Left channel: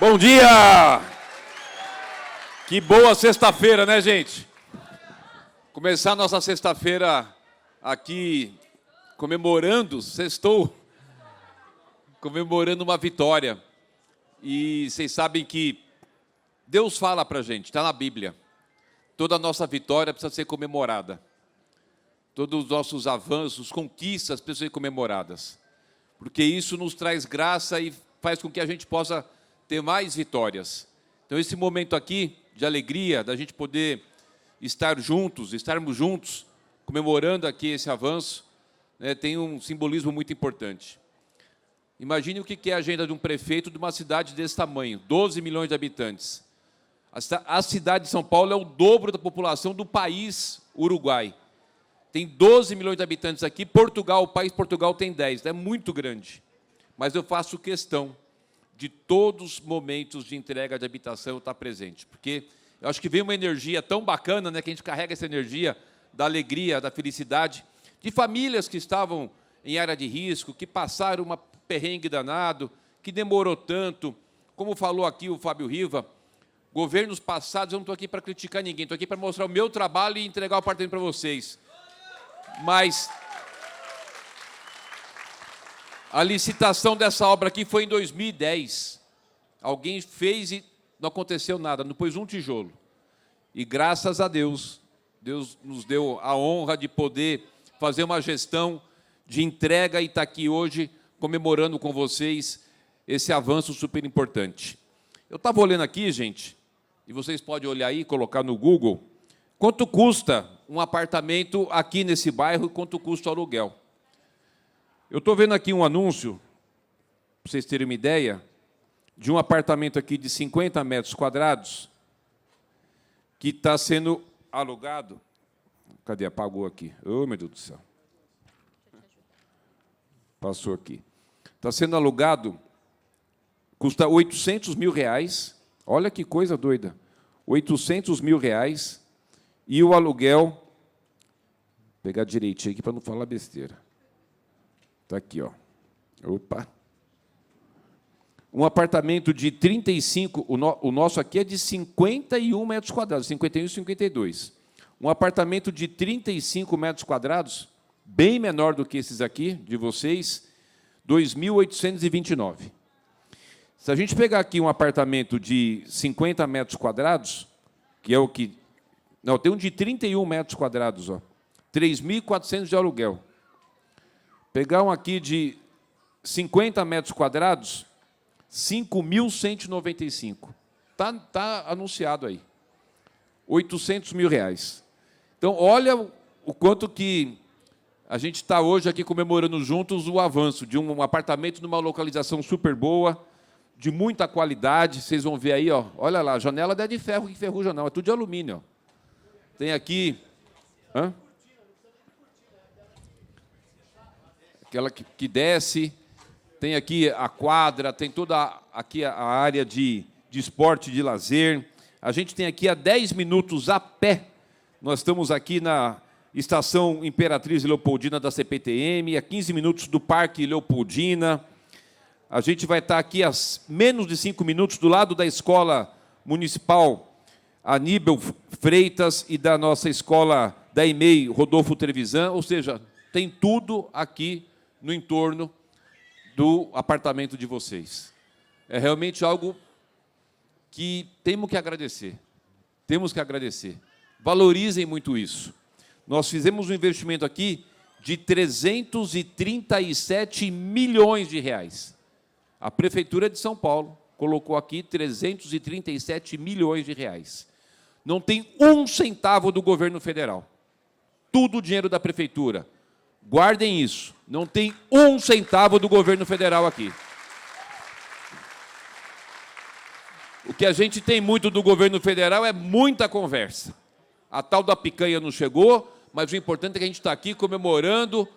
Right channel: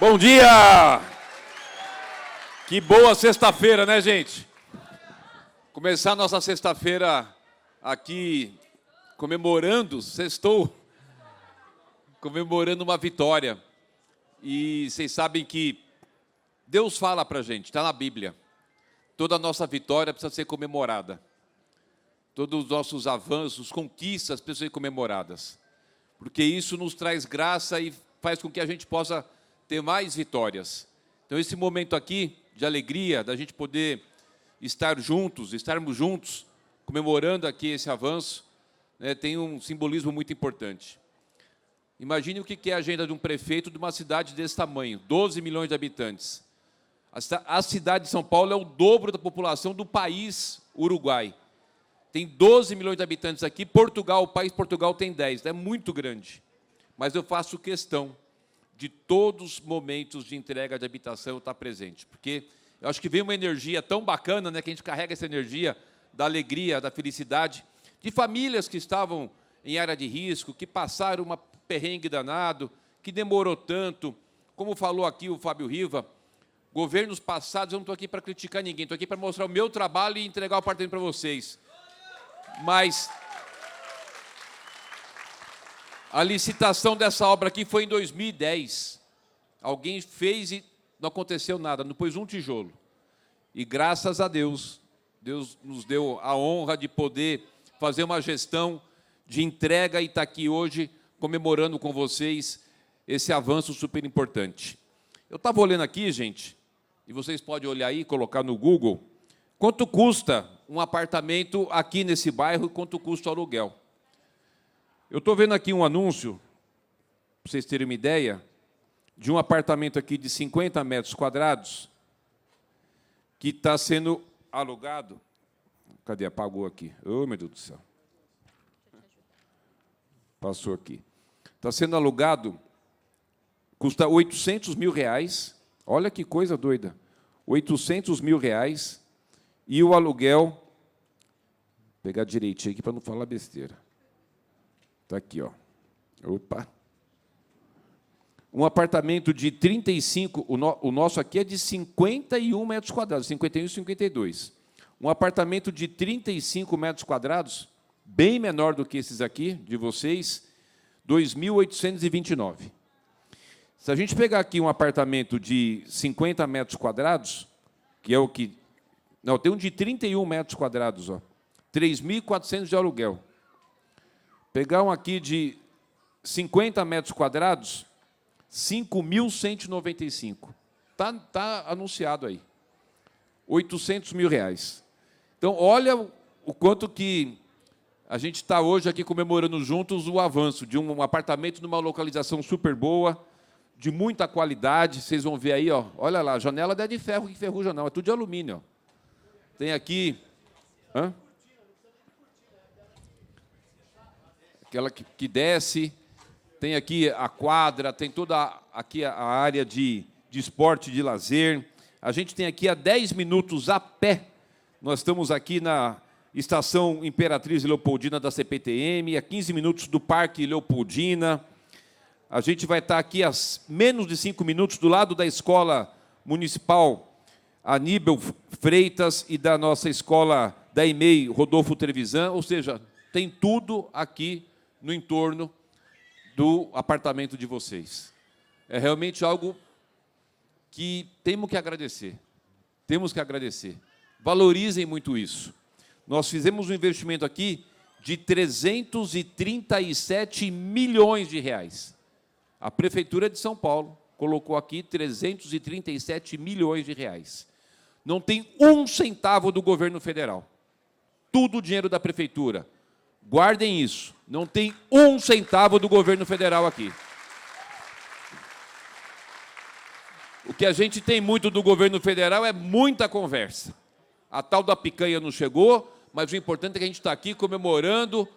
Bom dia! Que boa sexta-feira, né, gente? Começar a nossa sexta-feira aqui comemorando, sextou, comemorando uma vitória. E vocês sabem que Deus fala pra gente, está na Bíblia. Toda a nossa vitória precisa ser comemorada. Todos os nossos avanços, conquistas precisam ser comemoradas. Porque isso nos traz graça e faz com que a gente possa ter mais vitórias. Então, esse momento aqui de alegria, da gente poder estarmos juntos, comemorando aqui esse avanço, né, tem um simbolismo muito importante. Imagine o que é a agenda de um prefeito de uma cidade desse tamanho, 12 milhões de habitantes. A cidade de São Paulo é o dobro da população do país Uruguai. Tem 12 milhões de habitantes aqui, Portugal, o país Portugal tem 10, é muito grande. Mas eu faço questão de todos os momentos de entrega de habitação estar presente, porque eu acho que vem uma energia tão bacana, né, que a gente carrega essa energia da alegria, da felicidade, de famílias que estavam em área de risco, que passaram uma perrengue danado, que demorou tanto, como falou aqui o Fábio Riva, governos passados, eu não estou aqui para criticar ninguém, estou aqui para mostrar o meu trabalho e entregar o apartamento para vocês. Mas a licitação dessa obra aqui foi em 2010. Alguém fez e não aconteceu nada, não pôs um tijolo. E graças a Deus, Deus nos deu a honra de poder fazer uma gestão de entrega e estar aqui hoje comemorando com vocês esse avanço super importante. Eu estava olhando aqui, gente, e vocês podem olhar aí, colocar no Google, quanto custa um apartamento aqui nesse bairro e quanto custa o aluguel. Eu estou vendo aqui um anúncio, para vocês terem uma ideia, de um apartamento aqui de 50 metros quadrados, que está sendo alugado. Cadê? Apagou aqui. Oh, meu Deus do céu. Passou aqui. Está sendo alugado, custa R$800 mil. Olha que coisa doida. R$800 mil. E o aluguel, vou pegar direitinho aqui para não falar besteira. Está aqui, ó. Opa. Um apartamento de 35, o nosso aqui é de 51 metros quadrados, 51 e 52. Um apartamento de 35 metros quadrados, bem menor do que esses aqui, de vocês, 2.829. Se a gente pegar aqui um apartamento de 50 metros quadrados, que é o que... Não, tem um de 31 metros quadrados, ó, 3.400 de aluguel. Pegar um aqui de 50 metros quadrados, 5.195. Tá anunciado aí. R$800 mil. Então, olha o quanto que a gente está hoje aqui comemorando juntos o avanço de um apartamento numa localização super boa, de muita qualidade. Vocês vão ver aí, ó, olha lá, a janela não é de ferro que ferruja, não, é tudo de alumínio. Ó. Tem aqui... Hã? Aquela que desce, tem aqui a quadra, tem toda aqui a área de esporte, de lazer. A gente tem aqui a 10 minutos a pé. Nós estamos aqui na Estação Imperatriz Leopoldina da CPTM, a 15 minutos do Parque Leopoldina. A gente vai estar aqui a menos de 5 minutos do lado da Escola Municipal Aníbal Freitas e da nossa escola da EMEI Rodolfo Trevisan, ou seja, tem tudo aqui no entorno do apartamento de vocês. É realmente algo que temos que agradecer. Temos que agradecer. Valorizem muito isso. Nós fizemos um investimento aqui de 337 milhões de reais. A Prefeitura de São Paulo colocou aqui 337 milhões de reais. Não tem um centavo do governo federal. Tudo dinheiro da Prefeitura. Guardem isso. Não tem um centavo do governo federal aqui. O que a gente tem muito do governo federal é muita conversa. A tal da picanha não chegou, mas o importante é que a gente está aqui comemorando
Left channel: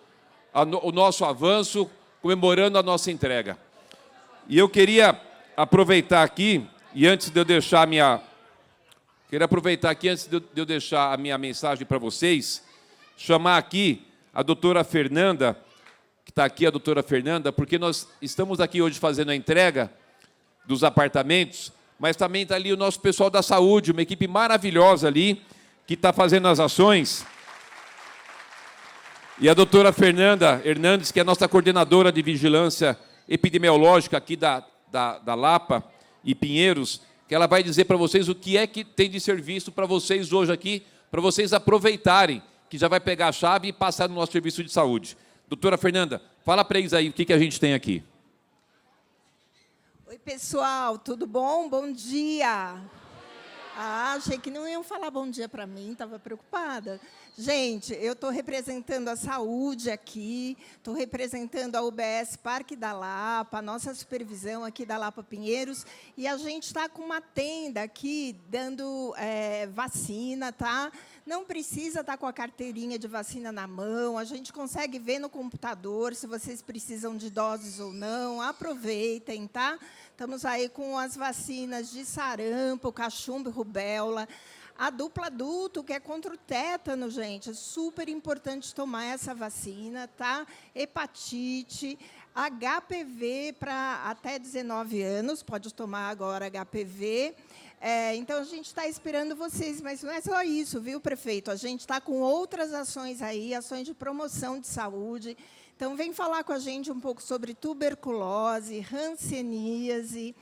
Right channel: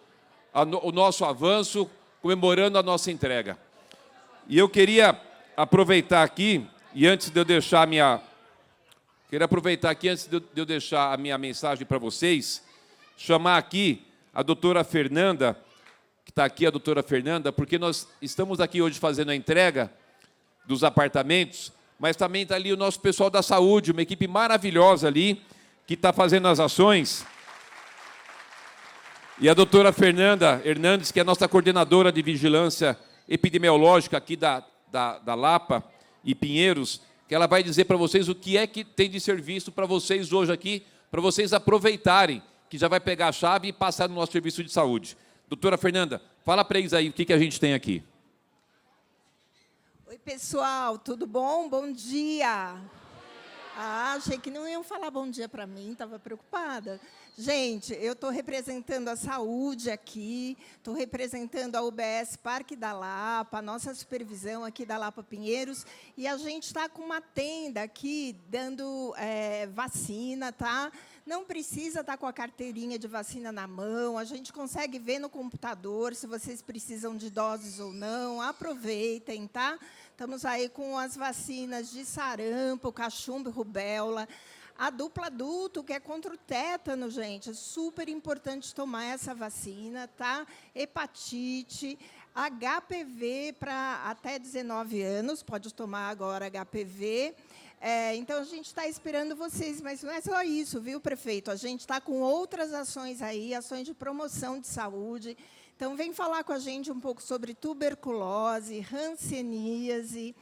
o nosso avanço, comemorando a nossa entrega. E eu queria aproveitar aqui, e antes de eu deixar a minha... mensagem para vocês, chamar aqui a doutora Fernanda, que está aqui a doutora Fernanda, porque nós estamos aqui hoje fazendo a entrega dos apartamentos, mas também está ali o nosso pessoal da saúde, uma equipe maravilhosa ali, que está fazendo as ações. E a doutora Fernanda Hernandes, que é a nossa coordenadora de vigilância epidemiológica aqui da Lapa e Pinheiros, que ela vai dizer para vocês o que é que tem de serviço para vocês hoje aqui, para vocês aproveitarem, que já vai pegar a chave e passar no nosso serviço de saúde. Doutora Fernanda, fala para eles aí o que a gente tem aqui. Oi, pessoal, tudo bom? Bom dia! Ah, achei que não iam falar bom dia para mim, estava preocupada. Gente, eu estou representando a saúde aqui, estou representando a UBS Parque da Lapa, a nossa supervisão aqui da Lapa Pinheiros, e a gente está com uma tenda aqui dando vacina, tá? Não precisa estar com a carteirinha de vacina na mão, a gente consegue ver no computador se vocês precisam de doses ou não, aproveitem, tá? Estamos aí com as vacinas de sarampo, cachumba e rubéola. A dupla adulto, que é contra o tétano, gente, é super importante tomar essa vacina, tá? Hepatite, HPV para até 19 anos, pode tomar agora HPV. Então, a gente está esperando vocês, mas não é só isso, viu, prefeito? A gente está com outras ações aí, ações de promoção de saúde. Então, vem falar com a gente um pouco sobre tuberculose, hanseníase,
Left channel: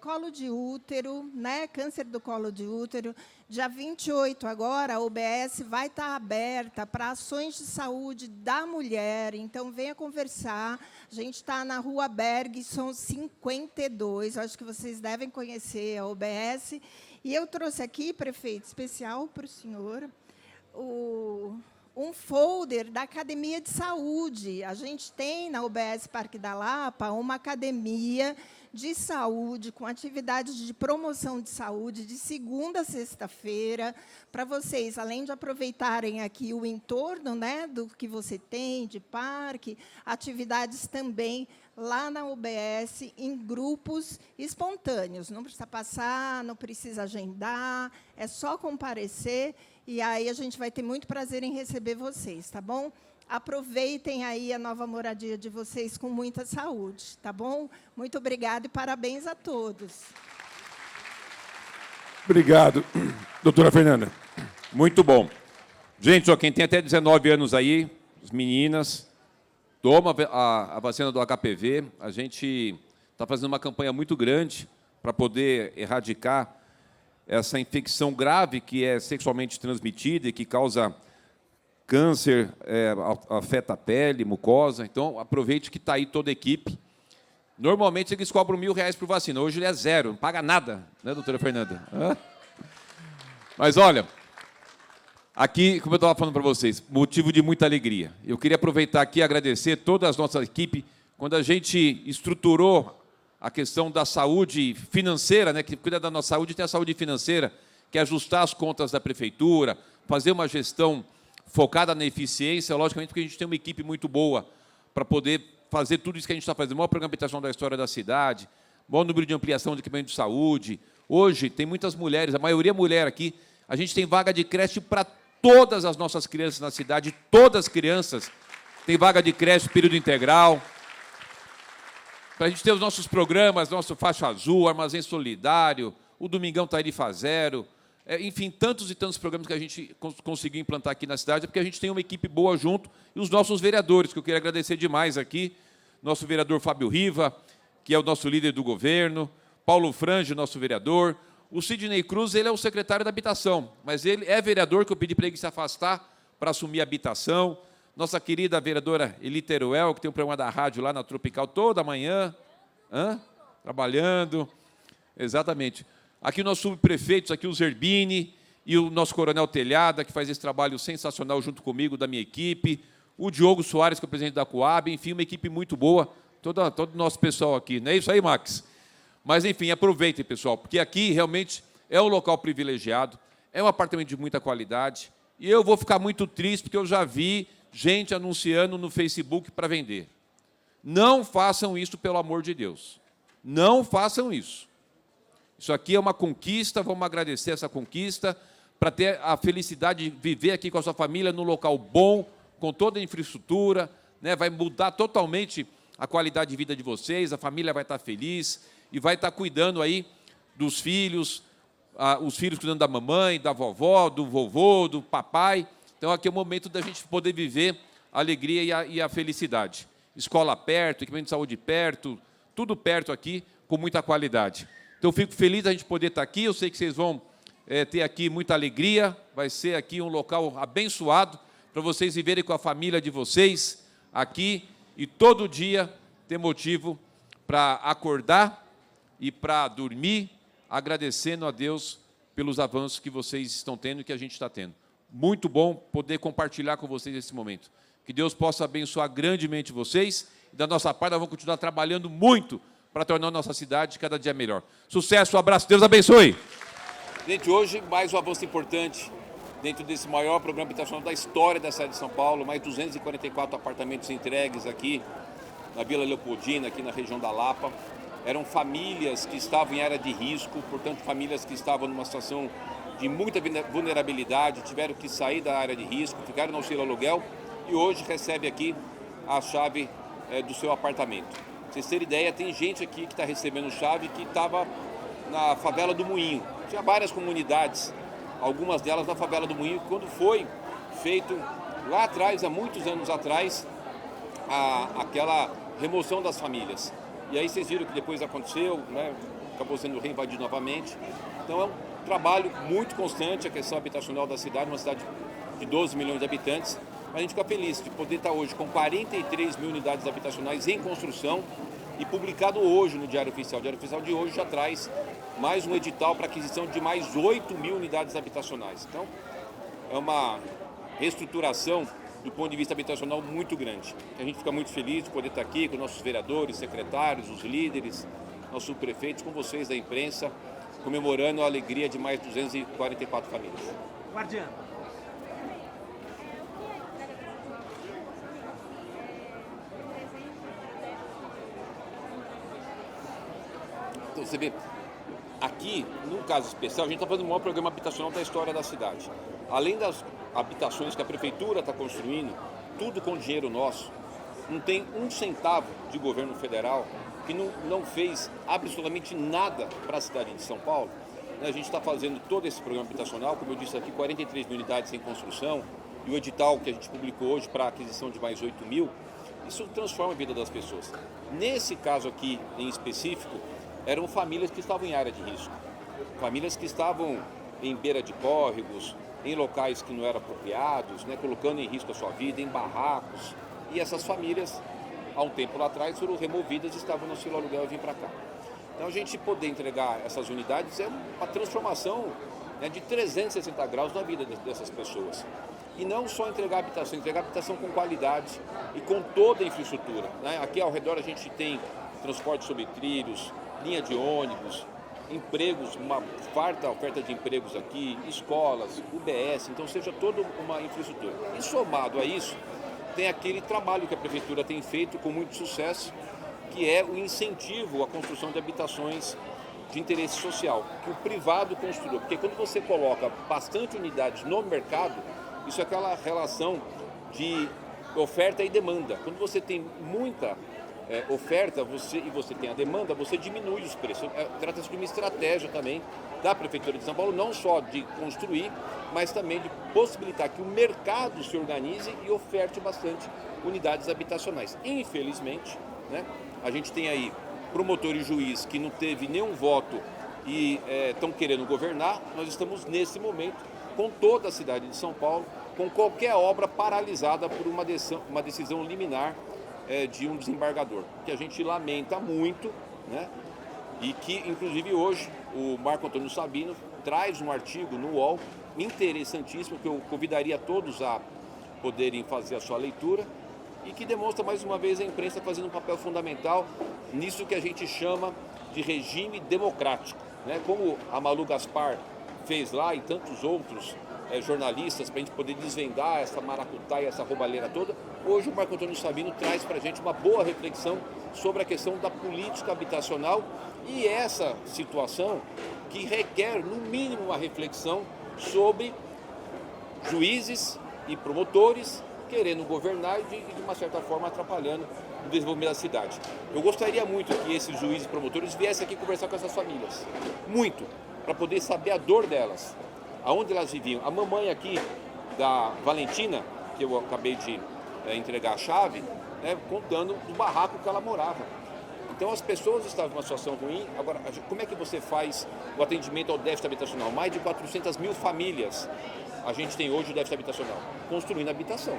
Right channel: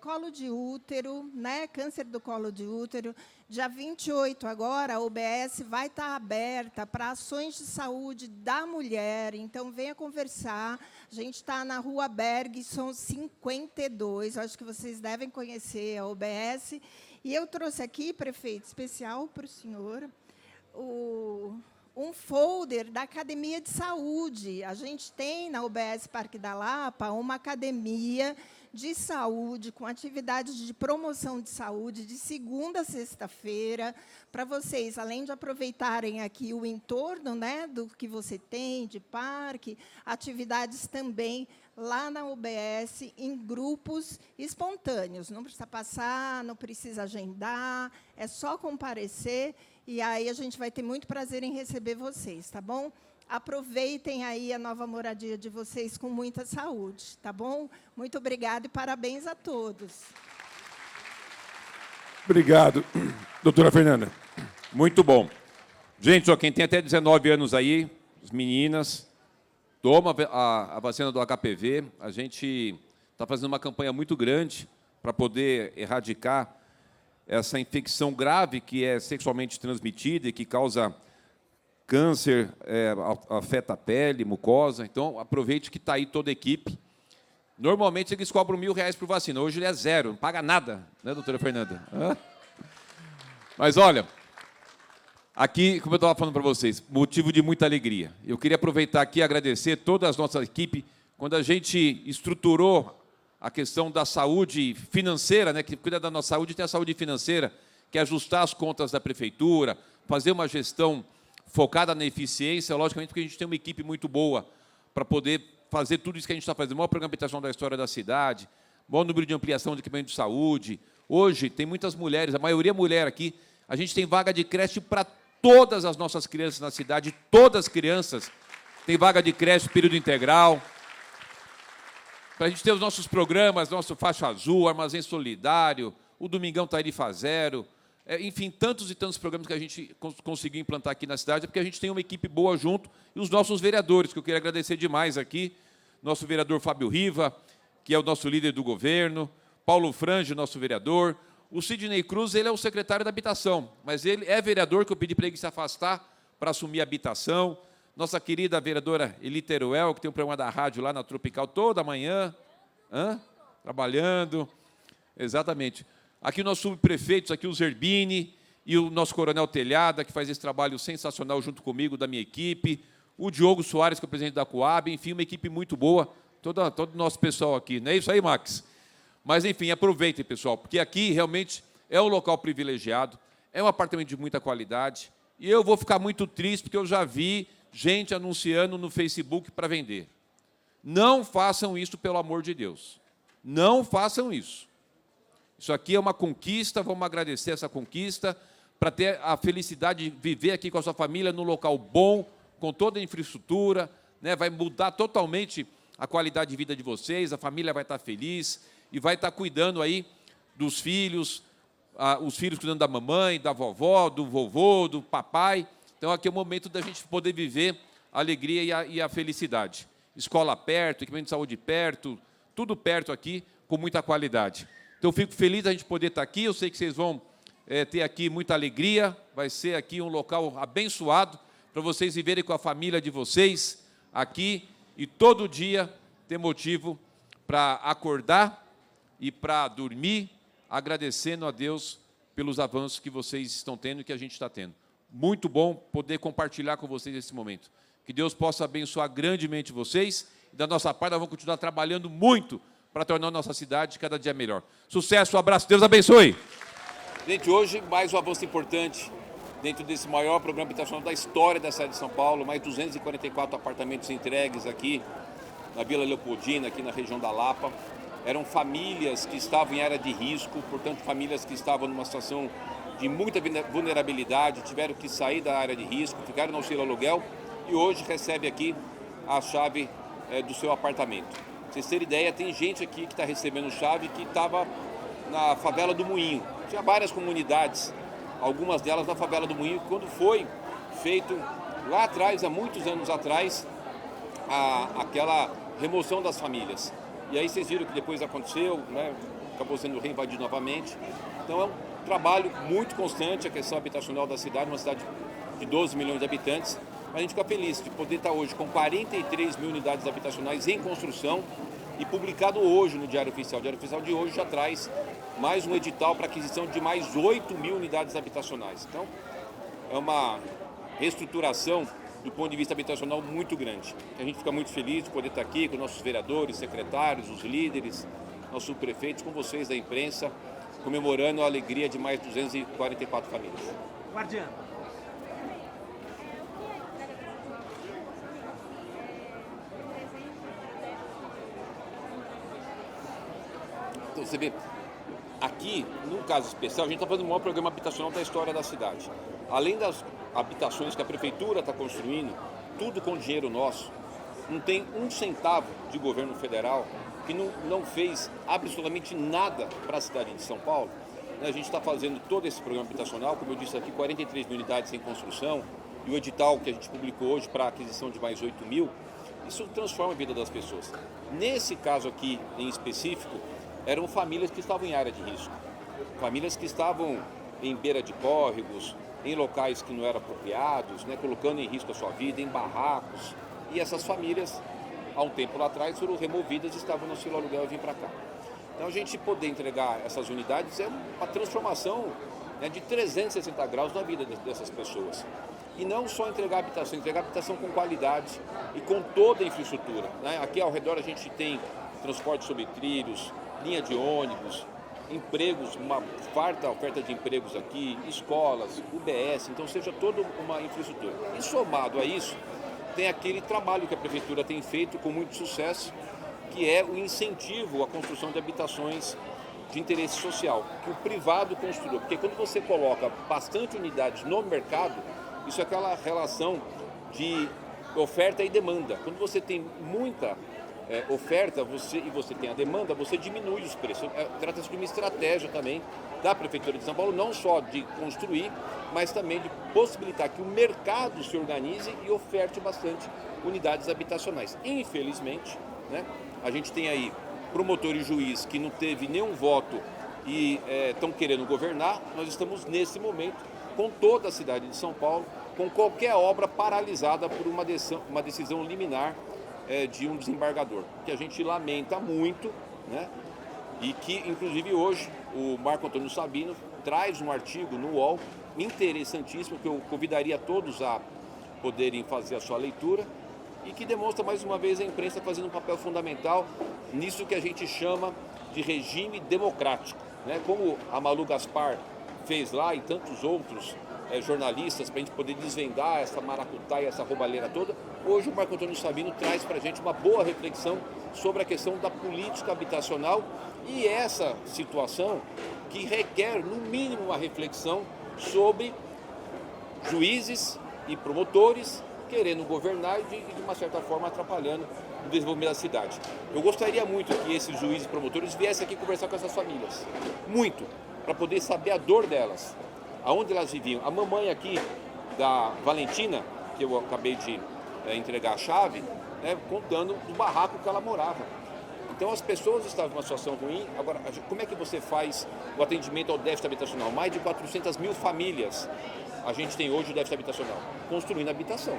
colo de útero, né? Câncer do colo de útero. Dia 28 agora, a UBS vai estar aberta para ações de saúde da mulher. Então, venha conversar. A gente está na Rua Bergson 52. Acho que vocês devem conhecer a UBS. E eu trouxe aqui, prefeito, especial para o senhor, um folder da Academia de Saúde. A gente tem, na UBS Parque da Lapa, uma academia de saúde, com atividades de promoção de saúde, de segunda a sexta-feira, para vocês, além de aproveitarem aqui o entorno, né, do que você tem, de parque, atividades também lá na UBS, em grupos espontâneos. Não precisa passar, não precisa agendar, é só comparecer, e aí a gente vai ter muito prazer em receber vocês, tá bom? Aproveitem aí a nova moradia de vocês com muita saúde, tá bom? Muito obrigada e parabéns a todos. Obrigado, doutora Fernanda. Muito bom. Gente, ó, quem tem até 19 anos aí, as meninas, toma a vacina do HPV. A gente está fazendo uma campanha muito grande para poder erradicar essa infecção grave que é sexualmente transmitida e que causa câncer, afeta a pele, mucosa. Então, aproveite que está aí toda a equipe. Normalmente, eles cobram R$1.000 por vacina. Hoje, ele é zero, não paga nada, né, doutora Fernanda? Mas, olha, aqui, como eu estava falando para vocês, motivo de muita alegria. Eu queria aproveitar aqui e agradecer toda a nossa equipe. Quando a gente estruturou a questão da saúde financeira, né, que cuida da nossa saúde, tem a saúde financeira, que é ajustar as contas da prefeitura, fazer uma gestão focada na eficiência, logicamente, porque a gente tem uma equipe muito boa para poder fazer tudo isso que a gente está fazendo. Maior programa de habitação da história da cidade, maior número de ampliação de equipamento de saúde. Hoje, tem muitas mulheres, a maioria é mulher aqui. A gente tem vaga de creche para todas as nossas crianças na cidade, todas as crianças têm vaga de creche, período integral. Para a gente ter os nossos programas, nosso Faixa Azul, Armazém Solidário, o Domingão Tarifa Zero, enfim, tantos e tantos programas que a gente conseguiu implantar aqui na cidade, porque a gente tem uma equipe boa junto, e os nossos vereadores, que eu queria agradecer demais aqui, nosso vereador Fábio Riva, que é o nosso líder do governo, Paulo Frange, nosso vereador, o Sidney Cruz, ele é o secretário da habitação, mas ele é vereador, que eu pedi para ele se afastar para assumir a habitação, nossa querida vereadora Eli Teruel, que tem um programa da rádio lá na Tropical toda manhã, trabalhando, exatamente. Aqui o nosso subprefeitos, aqui o Zerbini e o nosso coronel Telhada, que faz esse trabalho sensacional junto comigo, da minha equipe, o Diogo Soares, que é o presidente da Coab, enfim, uma equipe muito boa, todo o nosso pessoal aqui. Não é isso aí, Max? Mas, enfim, aproveitem, pessoal, porque aqui realmente é um local privilegiado, é um apartamento de muita qualidade, e eu vou ficar muito triste, porque eu já vi gente anunciando no Facebook para vender. Não façam isso, pelo amor de Deus. Não façam isso. Isso aqui é uma conquista, vamos agradecer essa conquista, para ter a felicidade de viver aqui com a sua família num local bom, com toda a infraestrutura, né? Vai mudar totalmente a qualidade de vida de vocês, a família vai estar feliz, e vai estar cuidando aí dos filhos, os filhos cuidando da mamãe, da vovó, do vovô, do papai. Então, aqui é o momento da gente poder viver a alegria e a felicidade. Escola perto, equipamento de saúde perto, tudo perto aqui, com muita qualidade. Então, eu fico feliz da gente poder estar aqui. Eu sei que vocês vão ter aqui muita alegria. Vai ser aqui um local abençoado para vocês viverem com a família de vocês aqui e todo dia ter motivo para acordar e para dormir, agradecendo a Deus pelos avanços que vocês estão tendo e que a gente está tendo. Muito bom poder compartilhar com vocês esse momento. Que Deus possa abençoar grandemente vocês. E da nossa parte, nós vamos continuar trabalhando muito para tornar a nossa cidade cada dia melhor. Sucesso, um abraço, Deus abençoe. Gente, hoje mais um avanço importante dentro desse maior programa habitacional da história da cidade de São Paulo. Mais 244 apartamentos entregues aqui na Vila Leopoldina, aqui na região da Lapa. Eram famílias que estavam em área de risco, portanto, famílias que estavam numa situação de muita vulnerabilidade, tiveram que sair da área de risco, ficaram no auxílio aluguel e hoje recebe aqui a chave do seu apartamento. Pra vocês terem ideia, tem gente aqui que está recebendo chave que estava na favela do Moinho. Tinha várias comunidades, algumas delas na favela do Moinho, quando foi feito lá atrás, há muitos anos atrás, aquela remoção das famílias. E aí vocês viram que depois aconteceu, né, acabou sendo reinvadido novamente. Então é um trabalho muito constante a questão habitacional da cidade, uma cidade de 12 milhões de habitantes. Mas a gente fica feliz de poder estar hoje com 43 mil unidades habitacionais em construção e publicado hoje no Diário Oficial. O Diário Oficial de hoje já traz mais um edital para aquisição de mais 8 mil unidades habitacionais. Então, é uma reestruturação do ponto de vista habitacional muito grande. A gente fica muito feliz de poder estar aqui com nossos vereadores, secretários, os líderes, nossos subprefeitos, com vocês da imprensa, comemorando a alegria de mais 244 famílias. Guardiã. Então, você vê, aqui, num caso especial, a gente está fazendo o maior programa habitacional da história da cidade. Além das habitações que a prefeitura está construindo, tudo com dinheiro nosso, não tem um centavo de governo federal que não fez absolutamente nada para a cidade de São Paulo. A gente está fazendo todo esse programa habitacional, como eu disse aqui, 43 mil unidades em construção, e o edital que a gente publicou hoje para a aquisição de mais 8 mil, isso transforma a vida das pessoas. Nesse caso aqui, em específico, eram famílias que estavam em área de risco, famílias que estavam em beira de córregos, em locais que não eram apropriados, né, colocando em risco a sua vida, em barracos, e essas famílias, há um tempo lá atrás, foram removidas e estavam no auxílio aluguel e vêm para cá. Então, a gente poder entregar essas unidades é uma transformação, né, de 360 graus na vida dessas pessoas. E não só entregar habitação com qualidade e com toda a infraestrutura, né? Aqui ao redor a gente tem transporte sobre trilhos, linha de ônibus, empregos, uma farta oferta de empregos aqui, escolas, UBS, então seja toda uma infraestrutura. E somado a isso, tem aquele trabalho que a prefeitura tem feito com muito sucesso, que é o incentivo à construção de habitações de interesse social, que o privado construa. Porque quando você coloca bastante unidades no mercado, isso é aquela relação de oferta e demanda. Quando você tem muita oferta e você tem a demanda, você diminui os preços. Trata-se de uma estratégia também da Prefeitura de São Paulo, não só de construir, mas também de possibilitar que o mercado se organize e oferte bastante unidades habitacionais. Infelizmente, né, a gente tem aí promotor e juiz que não teve nenhum voto e estão querendo governar. Nós estamos nesse momento com toda a cidade de São Paulo, com qualquer obra paralisada por uma decisão liminar de um desembargador, que a gente lamenta muito, né? E que, inclusive, hoje o Marco Antônio Sabino traz um artigo no UOL interessantíssimo, que eu convidaria todos a poderem fazer a sua leitura, e que demonstra mais uma vez a imprensa fazendo um papel fundamental nisso que a gente chama de regime democrático, né? Como a Malu Gaspar fez lá e tantos outros jornalistas, para a gente poder desvendar essa maracutaia, essa roubalheira toda. Hoje o Marco Antônio Sabino traz para a gente uma boa reflexão sobre a questão da política habitacional e essa situação que requer, no mínimo, uma reflexão sobre juízes e promotores querendo governar e de uma certa forma atrapalhando do desenvolvimento da cidade. Eu gostaria muito que esses juízes e promotores viessem aqui conversar com essas famílias. Muito. Para poder saber a dor delas. Aonde elas viviam. A mamãe aqui, da Valentina, que eu acabei de entregar a chave, né, contando do barraco que ela morava. Então as pessoas estavam numa situação ruim. Agora, como é que você faz o atendimento ao déficit habitacional? Mais de 400 mil famílias a gente tem hoje o déficit habitacional. Construindo habitação.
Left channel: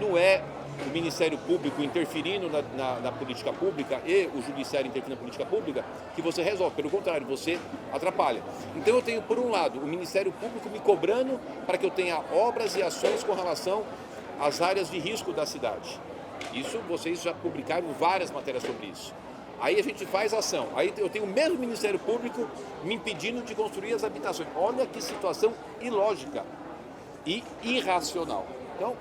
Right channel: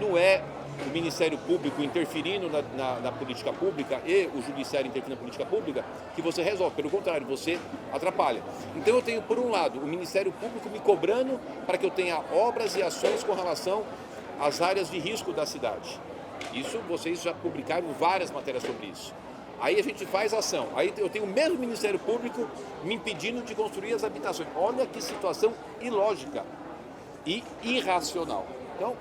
Não é o Ministério Público interferindo na política pública e o Judiciário interferindo na política pública que você resolve. Pelo contrário, você atrapalha. Então eu tenho, por um lado, o Ministério Público me cobrando para que eu tenha obras e ações com relação às áreas de risco da cidade. Isso, vocês já publicaram várias matérias sobre isso. Aí a gente faz ação. Aí eu tenho o mesmo Ministério Público me impedindo de construir as habitações. Olha que situação ilógica e irracional. Então,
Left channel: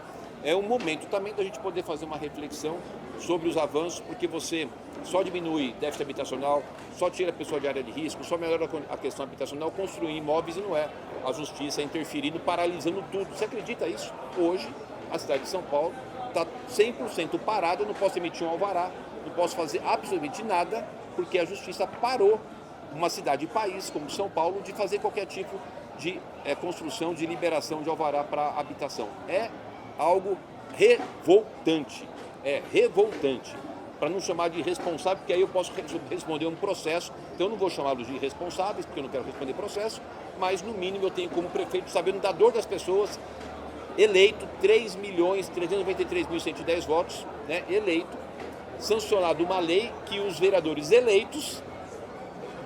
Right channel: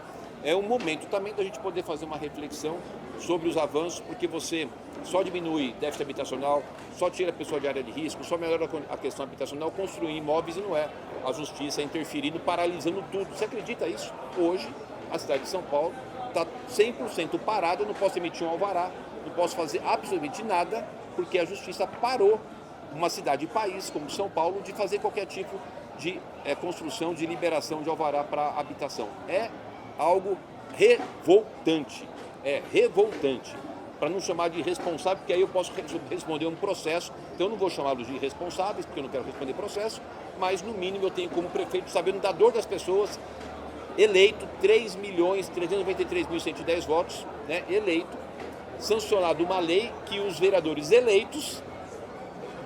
é um momento também da gente poder fazer uma reflexão sobre os avanços, porque você só diminui déficit habitacional, só tira a pessoa de área de risco, só melhora a questão habitacional, construir imóveis e não é a justiça interferindo, paralisando tudo. Você acredita isso? Hoje, a cidade de São Paulo está 100% parada, eu não posso emitir um alvará, não posso fazer absolutamente nada, porque a justiça parou uma cidade e país como São Paulo de fazer qualquer tipo de construção, de liberação de alvará para habitação. É algo revoltante, para não chamar de irresponsável, porque aí eu posso responder um processo, então eu não vou chamá-los de irresponsáveis, porque eu não quero responder processo, mas no mínimo eu tenho como prefeito, sabendo da dor das pessoas, eleito 3.393.110 votos, né, eleito, sancionado uma lei que os vereadores eleitos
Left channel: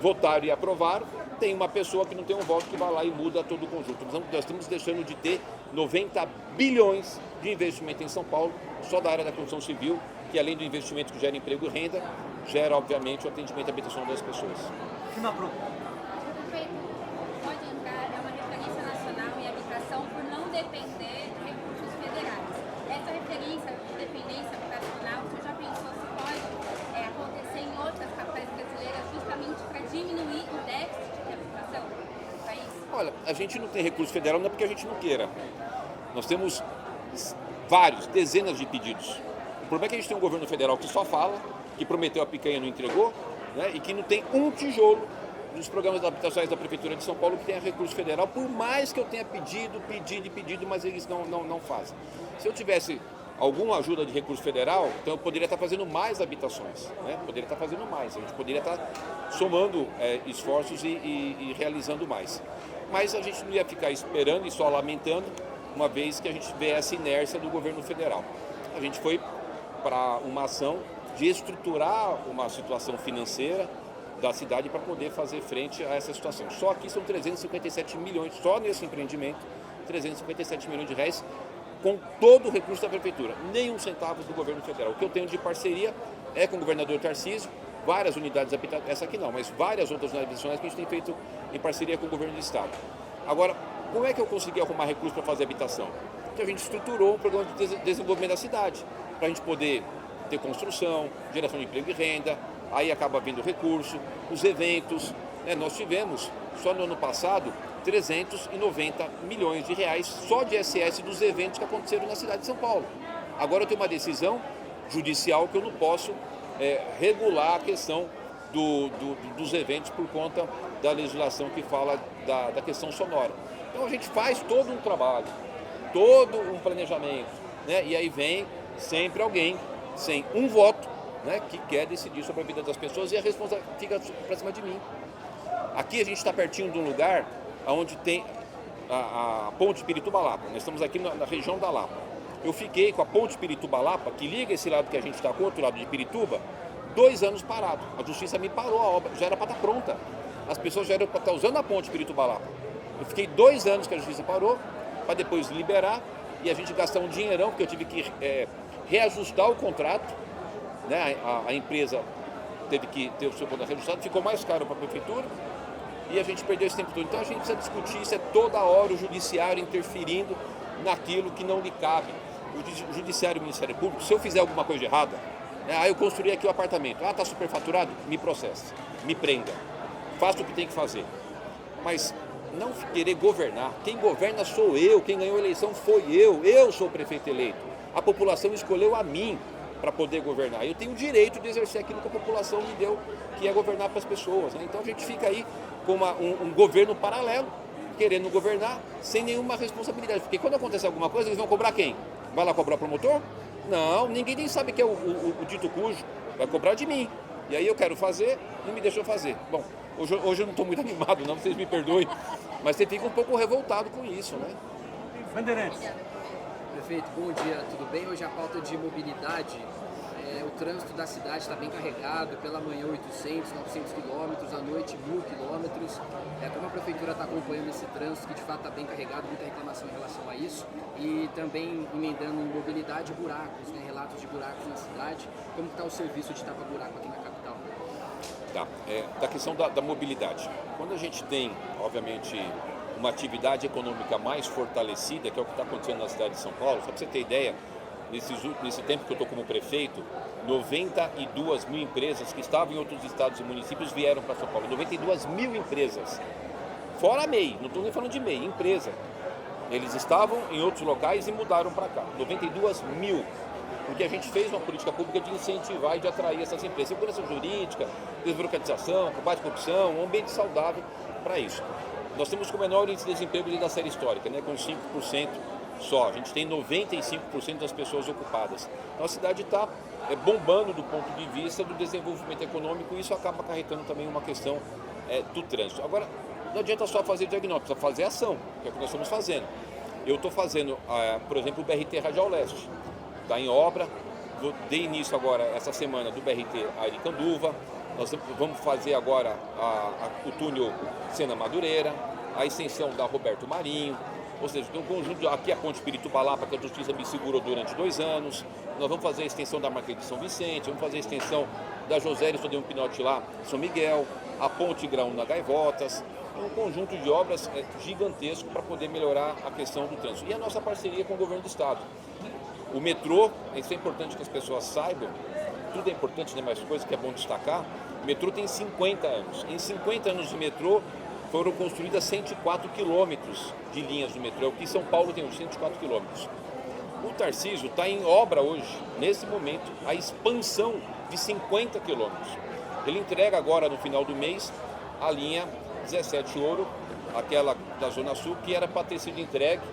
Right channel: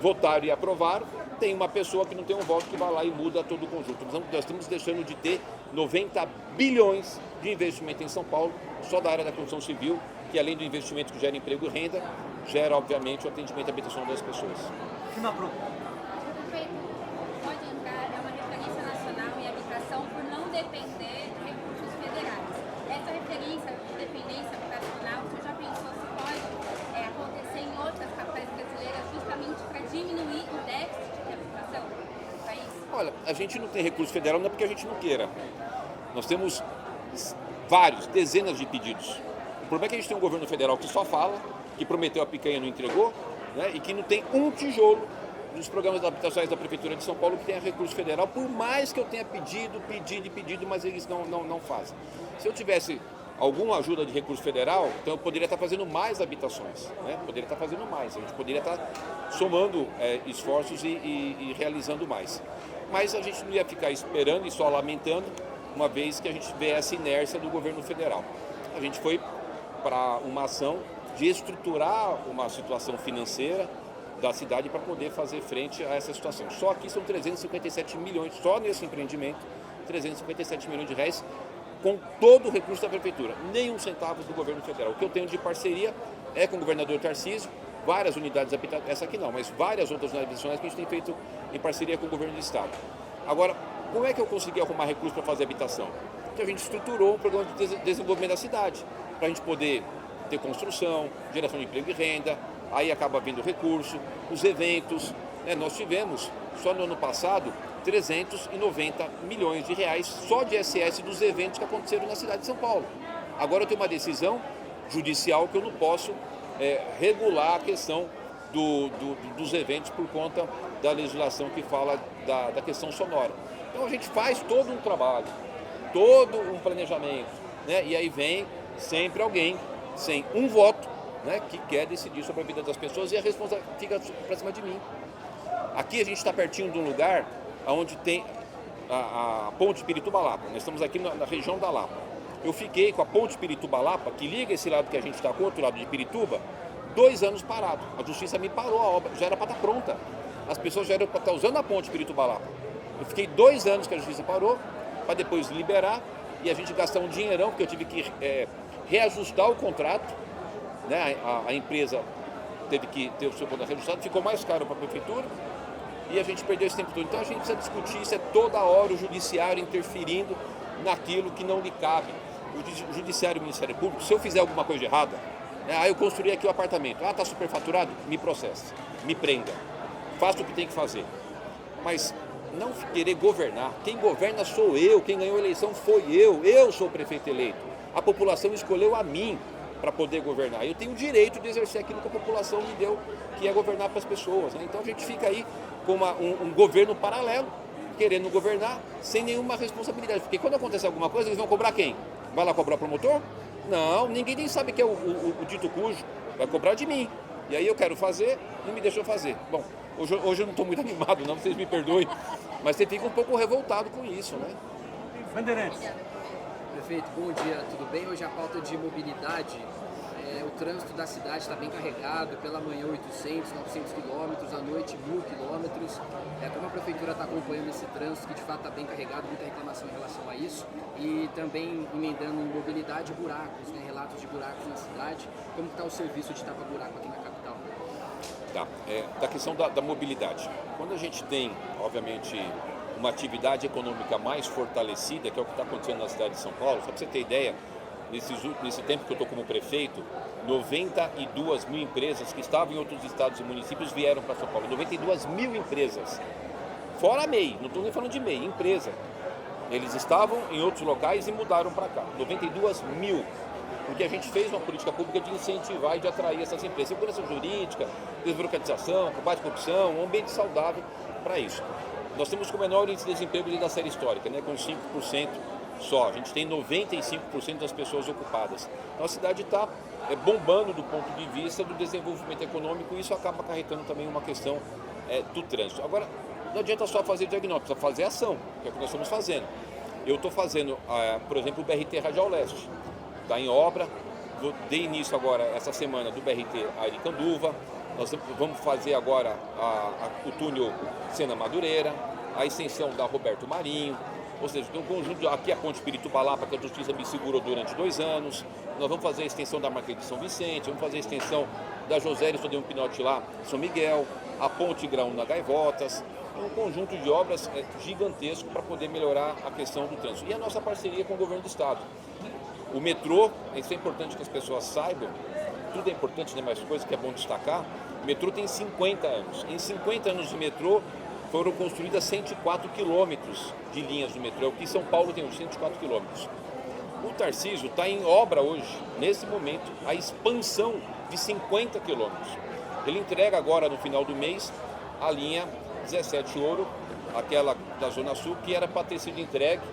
votaram e aprovaram, tem uma pessoa que não tem um voto que vai lá e muda todo o conjunto. Nós estamos deixando de ter 90 bilhões de investimento em São Paulo, só da área da construção civil, que além do investimento que gera emprego e renda, gera, obviamente, o atendimento habitacional das pessoas. Prefeito, pode entrar, é uma referência nacional em habitação por não depender de recursos federais. Essa referência, dependência habitacional, você já pensou se pode acontecer em outras capitais brasileiras justamente para diminuir o déficit de habitação do país? Olha, a gente não tem recurso federal não é porque a gente não queira. Nós temos vários, dezenas de pedidos. O problema é que a gente tem um governo federal que só fala, que prometeu a picanha e não entregou, né, e que não tem um tijolo dos programas habitacionais da Prefeitura de São Paulo que tenha recurso federal, por mais que eu tenha pedido, mas eles não fazem. Se eu tivesse alguma ajuda de recurso federal, então eu poderia estar fazendo mais habitações, né? Poderia estar fazendo mais, a gente poderia estar somando esforços e realizando mais. Mas a gente não ia ficar esperando e só lamentando, uma vez que a gente vê essa inércia do governo federal. A gente foi para uma ação de estruturar uma situação financeira da cidade para poder fazer frente a essa situação. Só aqui são 357 milhões, só nesse empreendimento, 357 milhões de reais, com todo o recurso da Prefeitura, nem um centavo do governo federal. O que eu tenho de parceria é com o governador Tarcísio, várias unidades habitacionais, essa aqui não, mas várias outras unidades habitacionais que a gente tem feito em parceria com o governo do estado. Agora, como é que eu consegui arrumar recurso para fazer habitação? Porque a gente estruturou um programa de desenvolvimento da cidade, para a gente poder ter construção, geração de emprego e renda, aí acaba vindo recurso, os eventos, né? Nós tivemos, só no ano passado, 390 milhões de reais só de ISS dos eventos que aconteceram na cidade de São Paulo. Agora eu tenho uma decisão judicial que eu não posso regular a questão dos eventos por conta da legislação que fala da questão sonora. Então a gente faz todo um trabalho, todo um planejamento, né? E aí vem sempre alguém sem um voto, né, que quer decidir sobre a vida das pessoas e a responsabilidade fica para cima de mim. Aqui a gente está pertinho de um lugar onde tem a ponte Pirituba-Lapa. Nós estamos aqui na região da Lapa. Eu fiquei com a ponte Pirituba-Lapa, que liga esse lado que a gente está com o outro lado de Pirituba, 2 anos parado. A justiça me parou a obra, já era para estar pronta. As pessoas já eram para estar usando a ponte Pirituba-Lapa. Eu fiquei 2 anos que a justiça parou, para depois liberar, e a gente gastar um dinheirão, porque eu tive que reajustar o contrato, né? A empresa teve que ter o seu contrato reajustado, ficou mais caro para a prefeitura, e a gente perdeu esse tempo todo. Então a gente precisa discutir isso, toda hora o judiciário interferindo naquilo que não lhe cabe. O judiciário e o Ministério Público, se eu fizer alguma coisa errada, né, eu construí aqui o apartamento, está superfaturado, me processe, me prenda, faça o que tem que fazer. Mas não querer governar, quem governa sou eu, quem ganhou a eleição foi eu sou o prefeito eleito. A população escolheu a mim, para poder governar. Eu tenho o direito de exercer aquilo que a população me deu, que é governar para as pessoas, né? Então a gente fica aí com um governo paralelo, querendo governar sem nenhuma responsabilidade. Porque quando acontece alguma coisa, eles vão cobrar quem? Vai lá cobrar o promotor? Não, ninguém nem sabe que é o dito cujo. Vai cobrar de mim. E aí eu quero fazer, não me deixou fazer. Bom, hoje eu não estou muito animado não, vocês me perdoem, mas você fica um pouco revoltado com isso, né? Bandeirantes. Prefeito, bom dia, tudo bem? Hoje a pauta de mobilidade, o trânsito da cidade está bem carregado, pela manhã 800, 900 quilômetros, à noite 1000 quilômetros. Como a prefeitura está acompanhando esse trânsito, que de fato está bem carregado, muita reclamação em relação a isso, e também emendando em mobilidade buracos, né, relatos de buracos na cidade. Como está o serviço de tapa-buraco aqui na capital? Tá, da questão da mobilidade. Quando a gente tem, obviamente, uma atividade econômica mais fortalecida, que é o que está acontecendo na cidade de São Paulo, só para você ter ideia, nesse tempo que eu estou como prefeito, 92 mil empresas que estavam em outros estados e municípios vieram para São Paulo. 92 mil empresas, fora a MEI, não estou nem falando de MEI, empresa. Eles estavam em outros locais e mudaram para cá, 92 mil. Porque a gente fez uma política pública de incentivar e de atrair essas empresas. Segurança jurídica, desburocratização, combate à corrupção, um ambiente saudável para isso. Nós temos o menor índice de desemprego da série histórica, né, com 5% só. A gente tem 95% das pessoas ocupadas. Então a cidade está bombando do ponto de vista do desenvolvimento econômico e isso acaba acarretando também uma questão do trânsito. Agora, não adianta só fazer diagnóstico, precisa fazer ação, que é o que nós estamos fazendo. Eu estou fazendo, por exemplo, o BRT Radial Leste. Está em obra, dei início agora, essa semana, do BRT Aricanduva. Nós vamos fazer agora o túnel Sena Madureira, a extensão da Roberto Marinho, ou seja, tem um conjunto, aqui a Ponte Piritubalapa, que a Justiça me segurou durante 2 anos. Nós vamos fazer a extensão da Marquês de São Vicente, vamos fazer a extensão da José Aristóteles Pinotti lá, São Miguel, a Ponte Graúna Gaivotas, um conjunto de obras gigantesco para poder melhorar a questão do trânsito. E a nossa parceria com o governo do estado. O metrô, isso é importante que as pessoas saibam, tudo é importante, né, mas coisa que é bom destacar, o metrô tem 50 anos. Em 50 anos de metrô, foram construídas 104 quilômetros de linhas do metrô, o que São Paulo tem hoje, 104 quilômetros. O Tarcísio está em obra hoje, nesse momento, a expansão de 50 quilômetros. Ele entrega agora, no final do mês, a linha 17 Ouro, aquela da Zona Sul, que era para ter sido entregue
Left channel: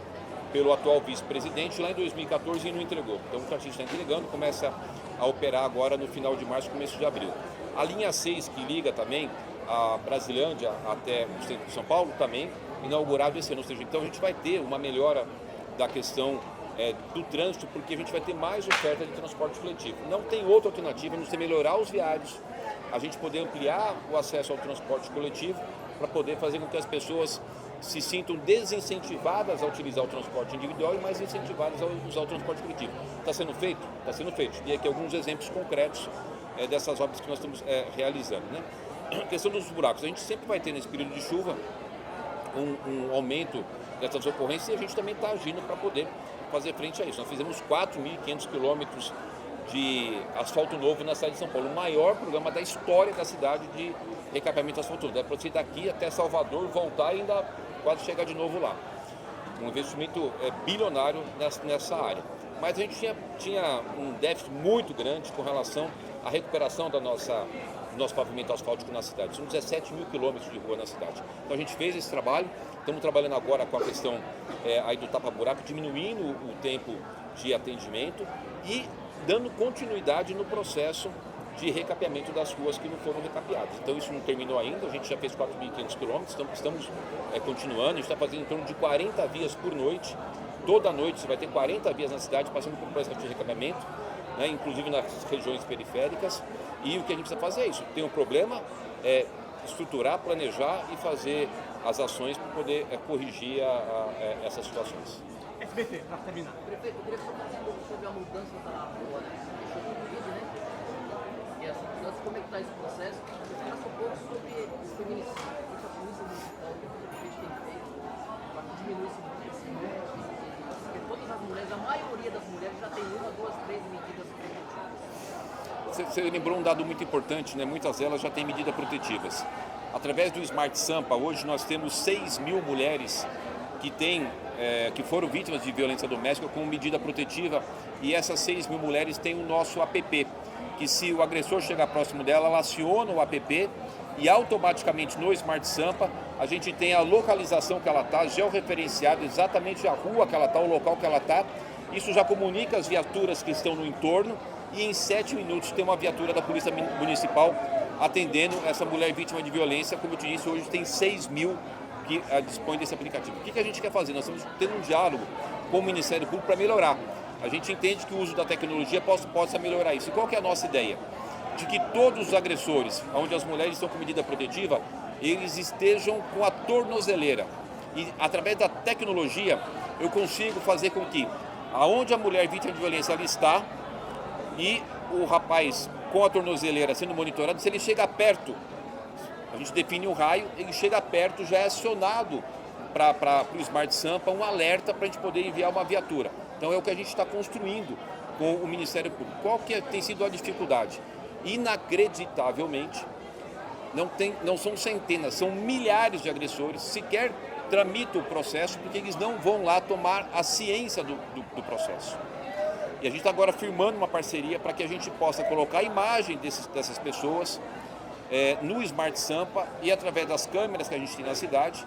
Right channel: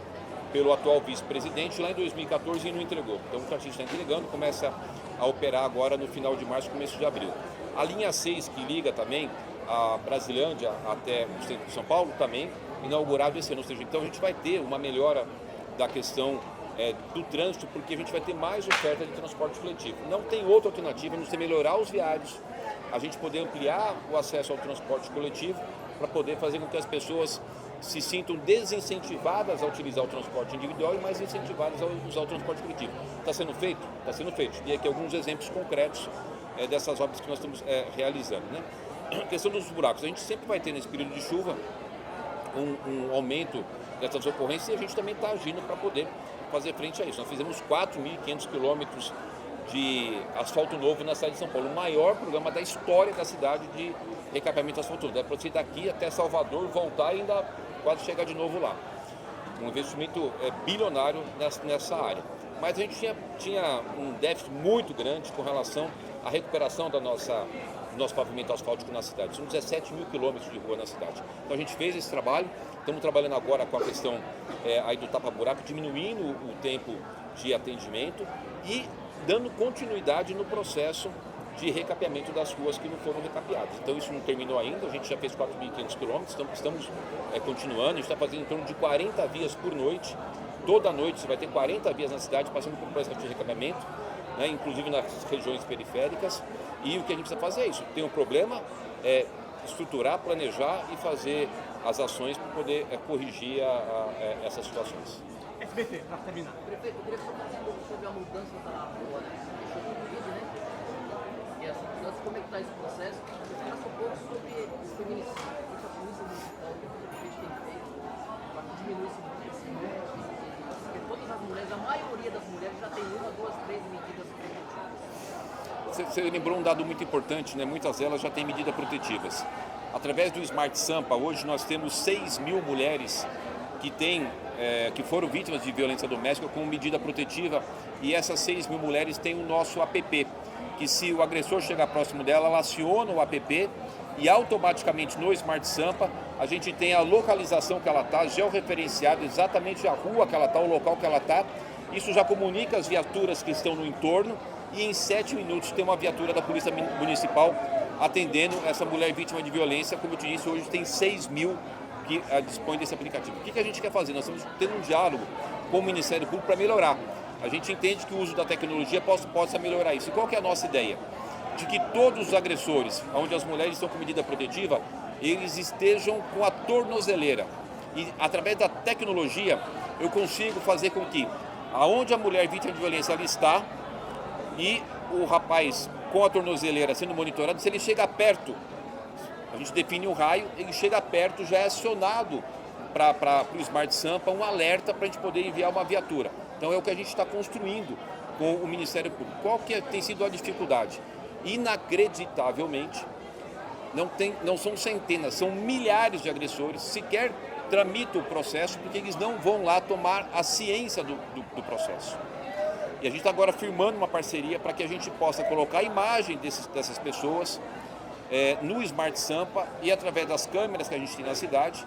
pelo atual vice-presidente lá em 2014 e não entregou. Então o Tarcísio está entregando, começa a operar agora no final de março, começo de abril. A linha 6, que liga também a Brasilândia até o centro de São Paulo, também inaugurado esse ano. Ou seja, então a gente vai ter uma melhora da questão do trânsito, porque a gente vai ter mais oferta de transporte coletivo. Não tem outra alternativa a não ser melhorar os viários, a gente poder ampliar o acesso ao transporte coletivo para poder fazer com que as pessoas se sintam desincentivadas a utilizar o transporte individual e mais incentivadas a usar o transporte coletivo. Está sendo feito? Está sendo feito. E aqui alguns exemplos concretos dessas obras que nós estamos realizando, né? A questão dos buracos. A gente sempre vai ter nesse período de chuva um aumento dessas ocorrências e a gente também está agindo para poder fazer frente a isso. Nós fizemos 4.500 quilômetros de asfalto novo na cidade de São Paulo, o maior programa da história da cidade de recapeamento asfalto. Dá para você ir daqui até Salvador, voltar e ainda quase chegar de novo lá. Um investimento bilionário nessa área. Mas a gente tinha um déficit muito grande com relação à recuperação do nosso pavimento asfáltico na cidade. São 17 mil quilômetros de rua na cidade. Então a gente fez esse trabalho, estamos trabalhando agora com a questão aí do tapa-buraco, diminuindo o tempo de atendimento e dando continuidade no processo de recapeamento das ruas que não foram recapeadas. Então isso não terminou ainda, a gente já fez 4.500 quilômetros, estamos continuando, a gente está fazendo em torno de 40 vias por noite. Toda noite você vai ter 40 vias na cidade passando por um processo de recapeamento, né, inclusive nas regiões periféricas. E o que a gente precisa fazer é isso. Tem um problema, estruturar, planejar e fazer as ações para poder corrigir essas situações. SBT, para terminar. Prefeito, eu queria falar um pouco sobre a mudança da rua, né? Deixou o vídeo, né? E essa mudança, como é que está esse processo? Você fala um pouco sobre o feminicídio, o que a polícia municipal, o que a gente tem feito para diminuir esse número. Porque todas as mulheres, a maioria das mulheres já tem 1, 2, 3 medidas protetivas. Você lembrou um dado muito importante, né? Muitas delas já têm medidas protetivas. Através do Smart Sampa, hoje nós temos 6 mil mulheres que foram vítimas de violência doméstica com medida protetiva, e essas 6.000 mulheres têm o nosso app, que se o agressor chegar próximo dela, ela aciona o app e automaticamente no Smart Sampa a gente tem a localização que ela está, georreferenciado exatamente a rua que ela está, o local que ela está. Isso já comunica as viaturas que estão no entorno e em 7 minutos tem uma viatura da Polícia Municipal atendendo essa mulher vítima de violência. Como eu te disse, hoje tem 6.000 que dispõem desse aplicativo. O que a gente quer fazer? Nós estamos tendo um diálogo com o Ministério Público para melhorar. A gente entende que o uso da tecnologia possa melhorar isso. E qual que é a nossa ideia? De que todos os agressores, onde as mulheres estão com medida protetiva, eles estejam com a tornozeleira. E através da tecnologia, eu consigo fazer com que, aonde a mulher vítima de violência ela está, e o rapaz com a tornozeleira sendo monitorado, se ele chega perto, a gente define um raio, ele chega perto, já é acionado para o Smart Sampa um alerta para a gente poder enviar uma viatura. Então é o que a gente está construindo com o Ministério Público. Qual que tem sido a dificuldade? Inacreditavelmente, não são centenas, são milhares de agressores, sequer tramitam o processo porque eles não vão lá tomar a ciência do processo. E a gente está agora firmando uma parceria para que a gente possa colocar a imagem dessas pessoas no Smart Sampa e através das câmeras que a gente tem na cidade,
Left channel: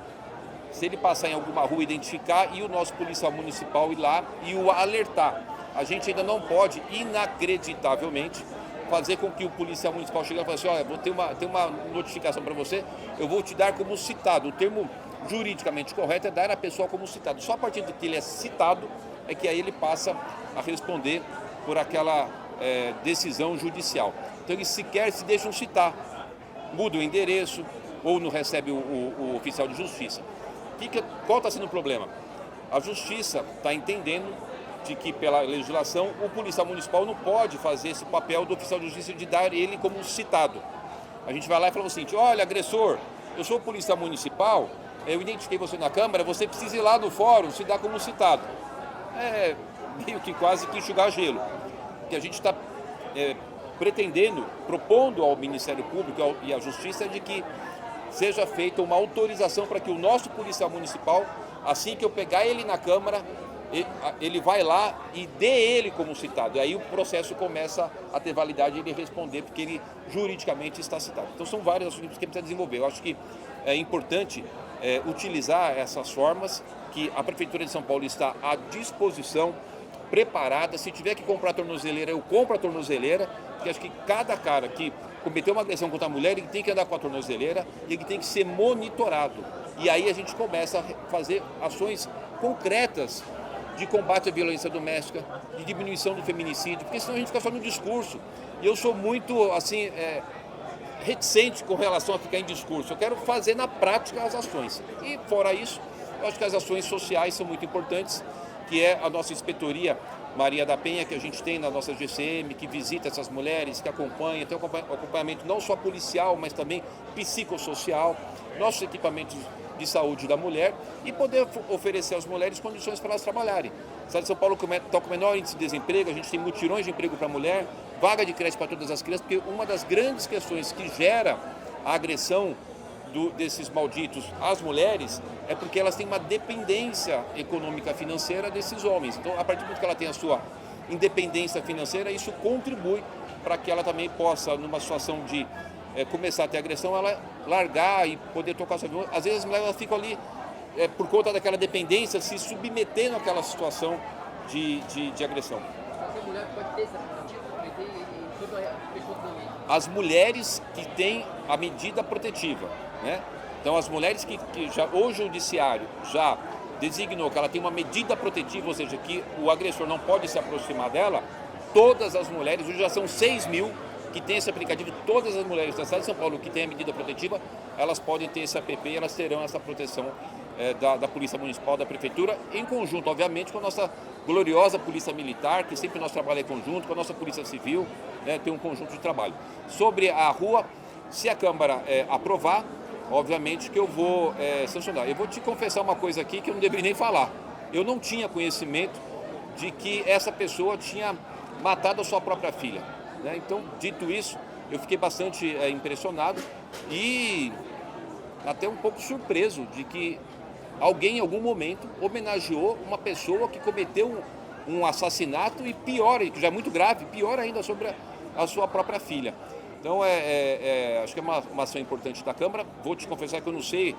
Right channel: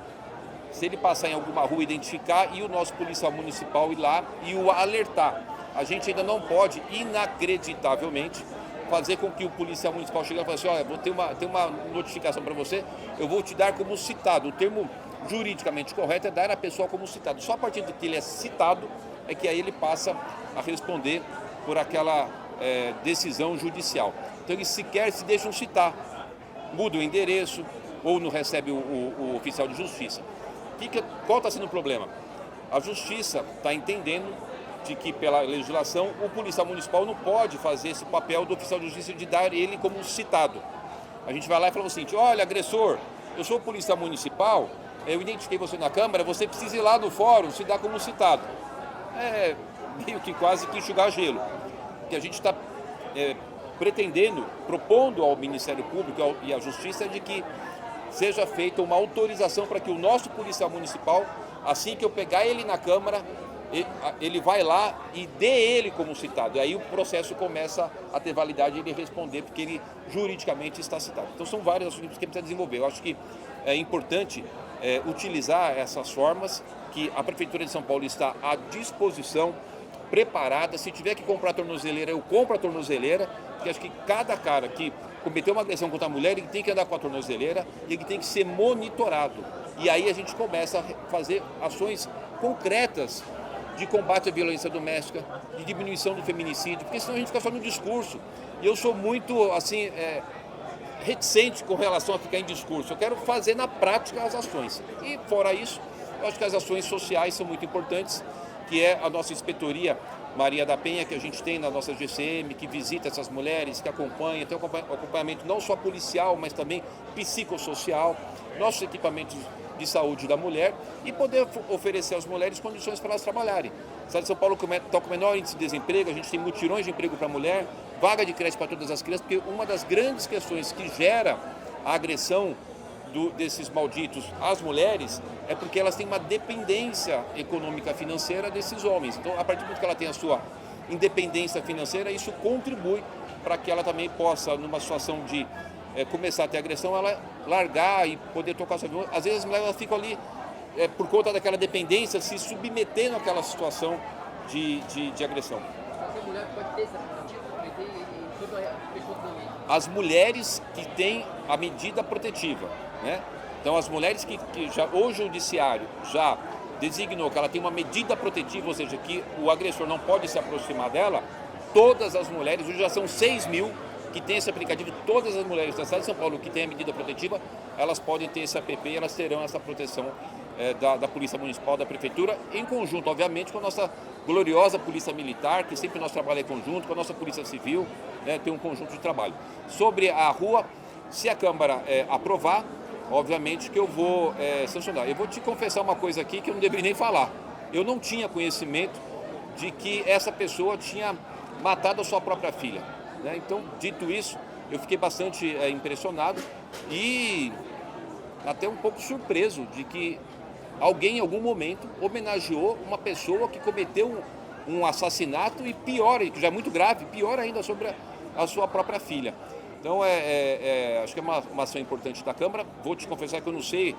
se ele passar em alguma rua, identificar e o nosso policial municipal ir lá e o alertar. A gente ainda não pode, inacreditavelmente, fazer com que o policial municipal chegue e fale assim, olha, vou ter uma notificação para você, eu vou te dar como citado. O termo juridicamente correto é dar a pessoa como citado. Só a partir de que ele é citado é que aí ele passa a responder por aquela decisão judicial. Então eles sequer se deixam citar, muda o endereço ou não recebe o oficial de justiça. Qual está sendo o problema? A justiça está entendendo de que, pela legislação, o policial municipal não pode fazer esse papel do oficial de justiça de dar ele como citado. A gente vai lá e fala o seguinte, olha, agressor, eu sou policial municipal, eu identifiquei você na Câmara, você precisa ir lá no fórum se dar como citado. É meio que quase que enxugar gelo. Que a gente está pretendendo, propondo ao Ministério Público e à Justiça de que seja feita uma autorização para que o nosso policial municipal, assim que eu pegar ele na Câmara, ele vai lá e dê ele como citado. E aí o processo começa a ter validade e ele responder, porque ele juridicamente está citado. Então são vários assuntos que precisa desenvolver. Eu acho que é importante utilizar essas formas, que a Prefeitura de São Paulo está à disposição, preparada. Se tiver que comprar a tornozeleira, eu compro a tornozeleira, porque acho que cada cara que cometeu uma agressão contra a mulher, ele tem que andar com a tornozeleira e ele tem que ser monitorado. E aí a gente começa a fazer ações concretas de combate à violência doméstica, de diminuição do feminicídio, porque senão a gente fica só no discurso. E eu sou muito, assim, reticente com relação a ficar em discurso. Eu quero fazer na prática as ações. E, fora isso, eu acho que as ações sociais são muito importantes, que é a nossa inspetoria Maria da Penha, que a gente tem na nossa GCM, que visita essas mulheres, que acompanha, tem um acompanhamento não só policial, mas também psicossocial, nossos equipamentos de saúde da mulher e poder oferecer às mulheres condições para elas trabalharem. O estado de São Paulo está com o menor índice de desemprego, a gente tem mutirões de emprego para a mulher, vaga de creche para todas as crianças, porque uma das grandes questões que gera a agressão desses malditos às mulheres é porque elas têm uma dependência econômica financeira desses homens. Então, a partir do momento que ela tem a sua independência financeira, isso contribui para que ela também possa, numa situação de começar a ter agressão, ela largar e poder tocar sua vida. Às vezes as mulheres ficam ali, por conta daquela dependência, se submetendo àquela situação de agressão. Qualquer mulher pode ter essa As mulheres que têm a medida protetiva, né? Então, as mulheres que já, hoje o judiciário já designou que ela tem uma medida protetiva, ou seja, que o agressor não pode se aproximar dela, todas as mulheres, hoje já são 6.000 que têm esse aplicativo, todas as mulheres da cidade de São Paulo que têm a medida protetiva, elas podem ter esse app e elas terão essa proteção da Polícia Municipal, da Prefeitura, em conjunto, obviamente, com a nossa gloriosa Polícia Militar, que sempre nós trabalhamos em conjunto, com a nossa Polícia Civil, tem um conjunto de trabalho. Sobre a rua, se a Câmara aprovar, obviamente que eu vou sancionar. Eu vou te confessar uma coisa aqui que eu não deveria nem falar. Eu não tinha conhecimento de que essa pessoa tinha matado a sua própria filha, né? Então, dito isso, eu fiquei bastante impressionado e até um pouco surpreso de que alguém em algum momento homenageou uma pessoa que cometeu um assassinato e pior, que já é muito grave, pior ainda sobre a sua própria filha. Então, acho que é uma ação importante da Câmara. Vou te confessar que eu não sei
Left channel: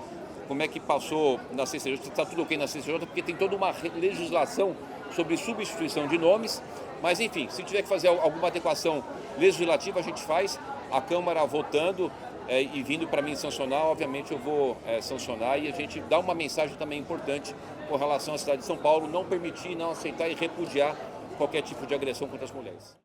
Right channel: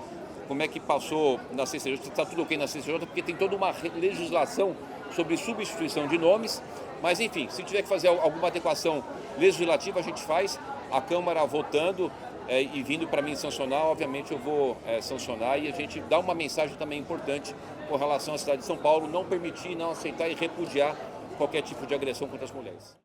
como é que passou na CCJ, se está tudo ok na CCJ, porque tem toda uma legislação sobre substituição de nomes. Mas, enfim, se tiver que fazer alguma adequação legislativa, a gente faz. A Câmara votando e vindo para mim sancionar, obviamente eu vou sancionar, e a gente dá uma mensagem também importante com relação à cidade de São Paulo, não permitir, não aceitar e repudiar qualquer tipo de agressão contra as mulheres.